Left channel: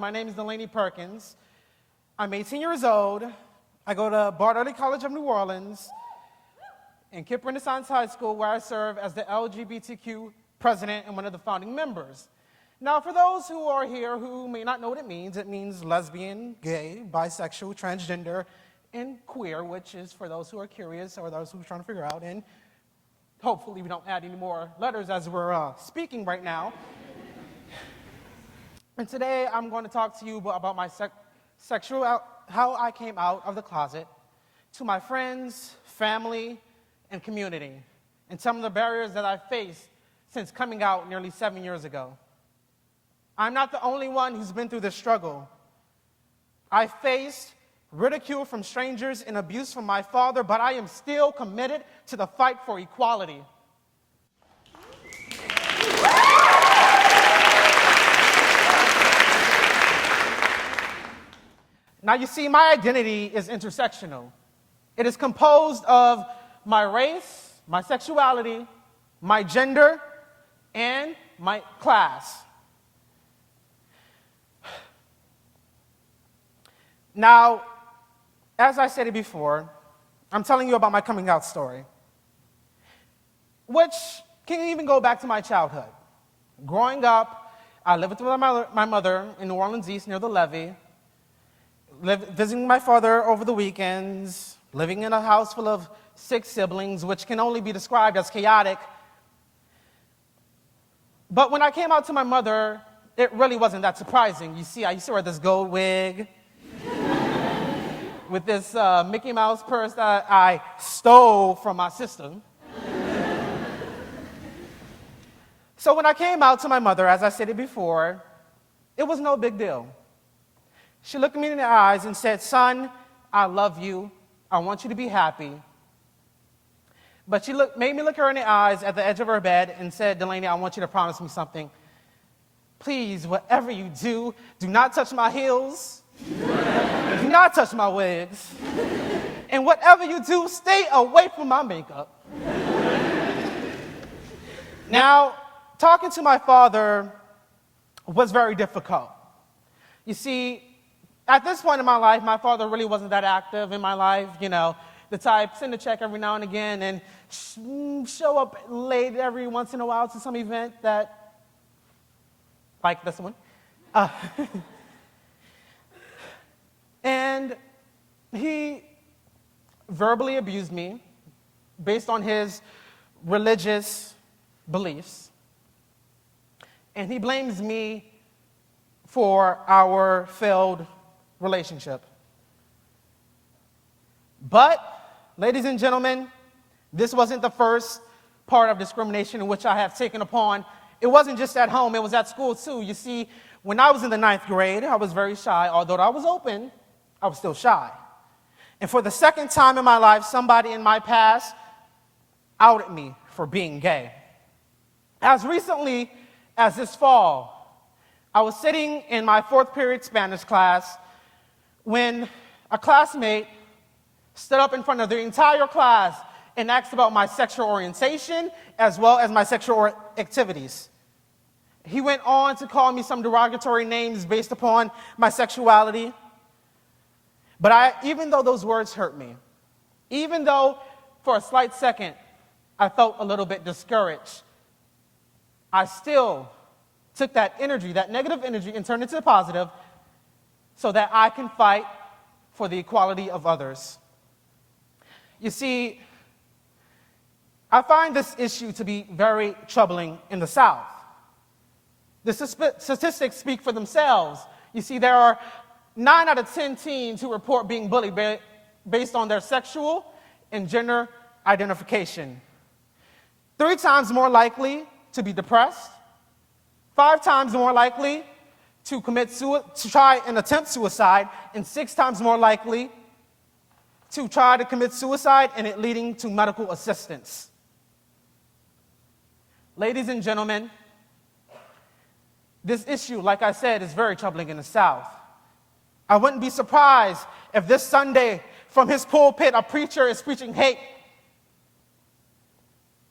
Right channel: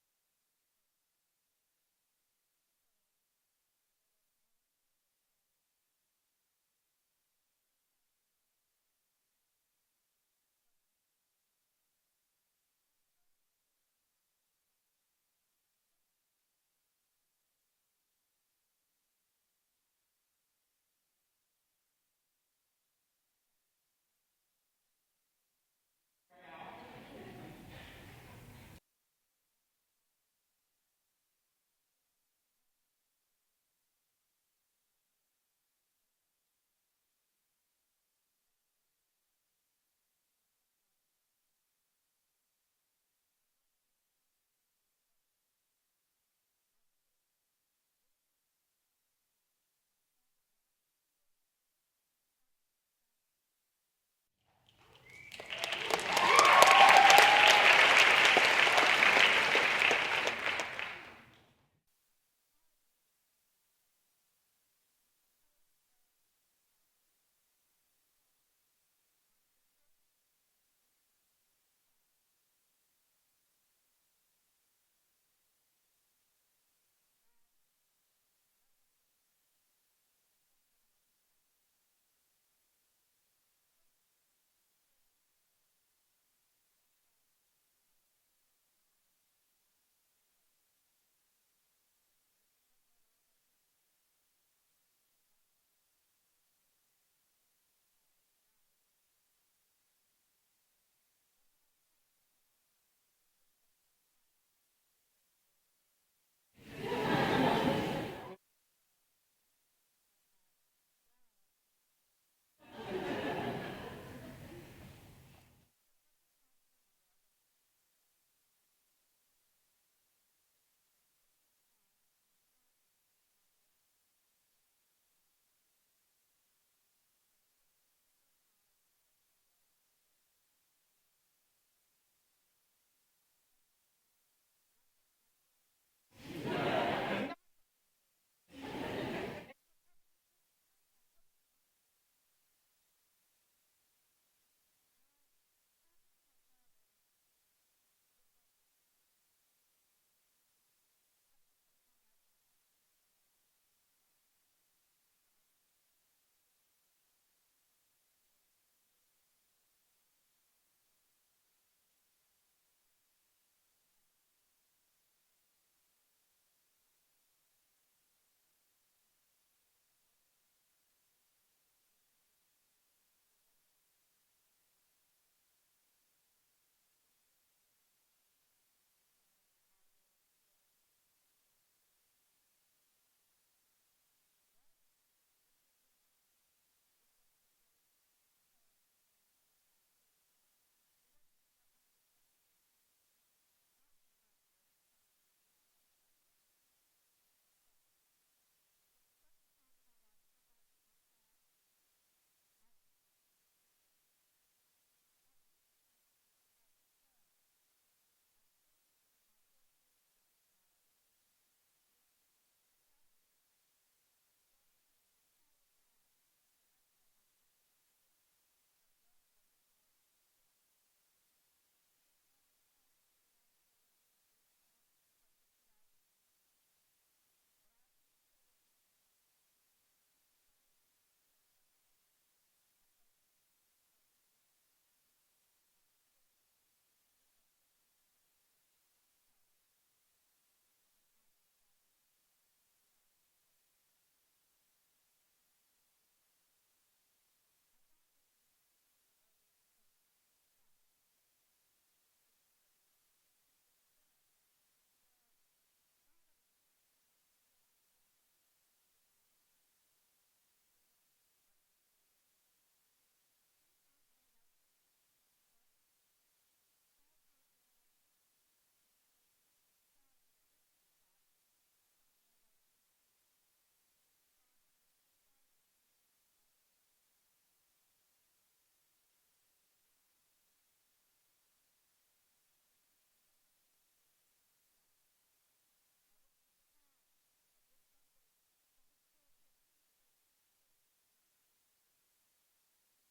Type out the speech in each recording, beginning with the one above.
My name is Delaney Perkins. I'm 18 years old. I go to Bartlett College of New Orleans and KIPP Renaissance High School, where I serve as the LGBTQ president and one of the founding members. Now, for those who are here who may not know what it means lesbian, gay, bisexual, transgender, and queer, which is for those who are curious or those who are trying to figure out. And hopefully we don't add any more letters as we're speaking right now. And today I'm going to talk to you about my how I came out of the closet to my friends, family, and community, and some of the barriers that I've faced since coming out nearly 7 years ago. I'm not the only one who's been through this struggle. I faced ridicule from strangers and abuse from my father, but I am still committed to the fight for equality. Now, you see, my identity is intersectional. It is composed of my race, my sexuality, my gender, and my class. Now, as I said it before, I'm telling you about my coming out story, which can even go back to my childhood. Growing up, I lived with my mother in New Orleans East near the levee, visiting my father over the weekends, living in a house full of 6 siblings, which can only be described as chaotic. But when I came out to my mother, it really wasn't that surprising. You see, I used to wear this gold wig with this Mickey Mouse purse that I stole from my sister. So when I came out to my mother, as I said it before, it was no big deal. She looked me in the eyes and said, "Son, I love you. I want you to be happy." But she made me look her in the eyes at the edge of her bed and said, "Delaney, I want you to promise me something. Please, whatever you do, do not touch my heels. Do not touch my wigs. And whatever you do, stay away from my makeup." Now, talking to my father was very difficult. You see, at this point in my life, my father really wasn't that active in my life, the type, send a check every now and again and show up late every once in a while to some event that, like this one. And he verbally abused me based on his religious beliefs. And he blames me for our failed relationship. But, ladies and gentlemen, this wasn't the first part of discrimination in which I have taken upon. It wasn't just at home, it was at school too. You see, when I was in the 9th grade, I was very shy. Although I was open, I was still shy. And for the second time in my life, somebody in my past outed me for being gay. As recently as this fall, I was sitting in my 4th period Spanish class when a classmate stood up in front of the entire class and asked about my sexual orientation as well as my sexual activities. He went on to call me some derogatory names based upon my sexuality. But even though those words hurt me, even though for a slight second I felt a little bit discouraged, I still took that energy, that negative energy, and turned it to positive so that I can fight for the equality of others. You see, I find this issue to be very troubling in the South. The statistics speak for themselves. You see, there are 9 out of 10 teens who report being bullied based on their sexual and gender identification. 3 times more likely to be depressed, 5 times more likely to try and attempt suicide, and 6 times more likely to try to commit suicide and it leading to medical assistance. Ladies and gentlemen, this issue, like I said, is very troubling in the South. I wouldn't be surprised if this Sunday, from his pulpit, a preacher is preaching hate.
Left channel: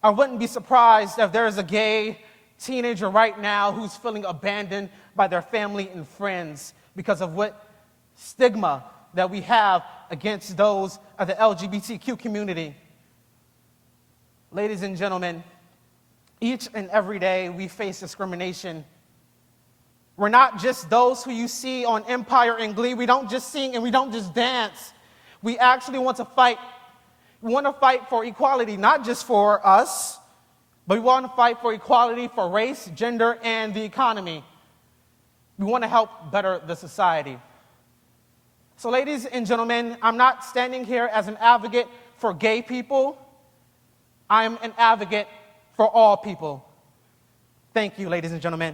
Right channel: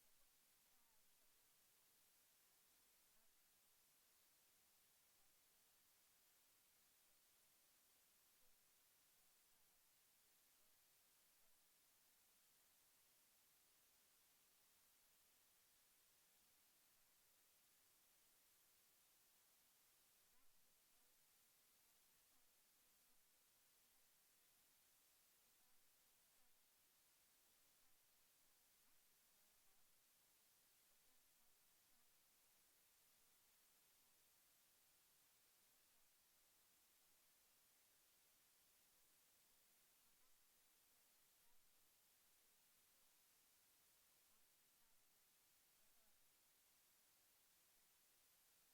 I wouldn't be surprised if there is a gay teenager right now who's feeling abandoned by their family and friends because of what stigma that we have against those of the LGBTQ community. Ladies and gentlemen, each and every day we face discrimination. We're not just those who you see on Empire and Glee. We don't just sing and we don't just dance. We actually want to fight. We want to fight for equality, not just for us, but we want to fight for equality for race, gender, and the economy. We want to help better the society. So, ladies and gentlemen, I'm not standing here as an advocate for gay people. I am an advocate for all people. Thank you, ladies and gentlemen.